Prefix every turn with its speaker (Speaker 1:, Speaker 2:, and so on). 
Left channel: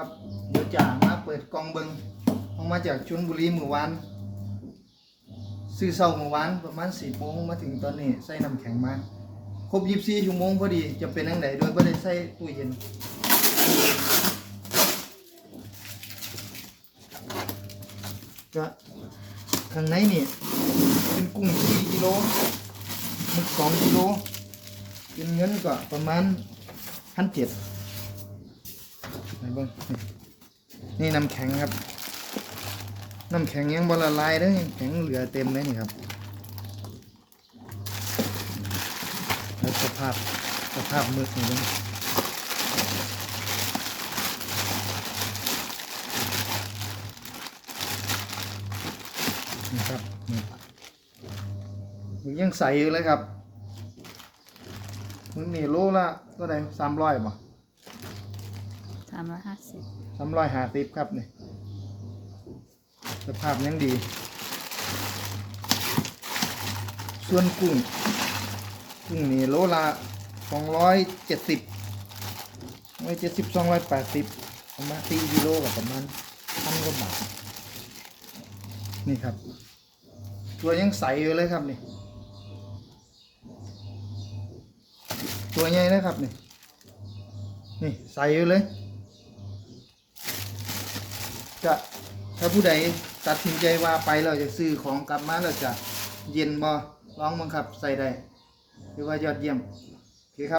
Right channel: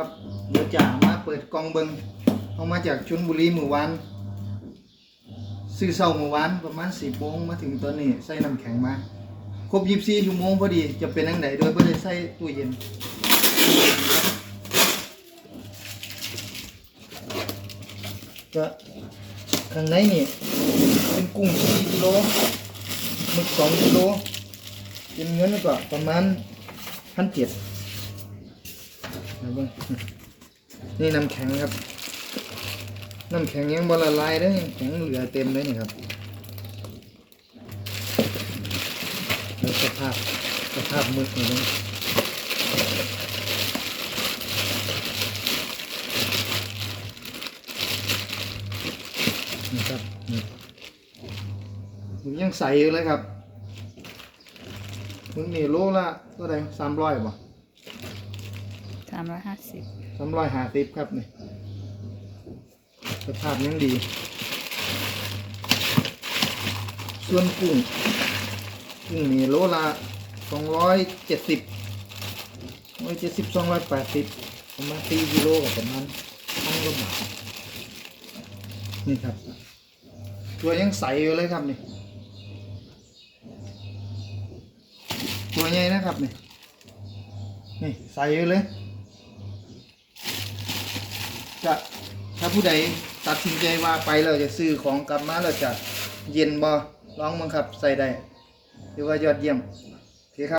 Speaker 1: ครับเดี๋ยวจ่ามาเปิดกล่องเบิงเอามาจากชลบุรีเมื่อวานซื้อเช้าเมื่อวานประมาณสี่โมงมาถึงตอนนี้ใส่น้ำแข็งมาครบยี่สิบสี่ชั่วโมงพอดีจะเป็นอันไหนโดยไม่ได้ใส่ตู้เย็นก็ข้างในนี่เป็นกุ้งสี่กิโลหมึกสองกิโลเป็นเงินก็ประมาณพันเจ็ด นะบ้างนี่น้ำแข็งครับ น้ำแข็งยังบละลายเด้แข็งเหลือเต็มเลยนี่ครับสภาพสภาพมึกนี่นะนี่ครับนี่ยังใสอยู่เลยครับมึกนี่โลละเท่าไหร่สามร้อยป่ะ
Speaker 2: สามร้อยห้าสิบ
Speaker 1: สามร้อยห้าสิบครับนี่สภาพยังดี ส่วนกุ้งกุ้งนี่โลละสองร้อยเจ็ดสิบร้อยเจ็ดสิบสองร้อยแปดสิบประมาณสี่กิโลกับประมาณพันกว่าบาทนี่ครับ ตัวยังใสอยู่เลยครับนี่ตัวใหญ่นะครับนี่นี่ใสอยู่เลย ก็ถ้าผู้ใดตัดสินใจว่าไปเราจะซื้อของกลับมาเราจะเย็นบ่ร้องมังคับใส่ได้หรือว่ายอดเยี่ยม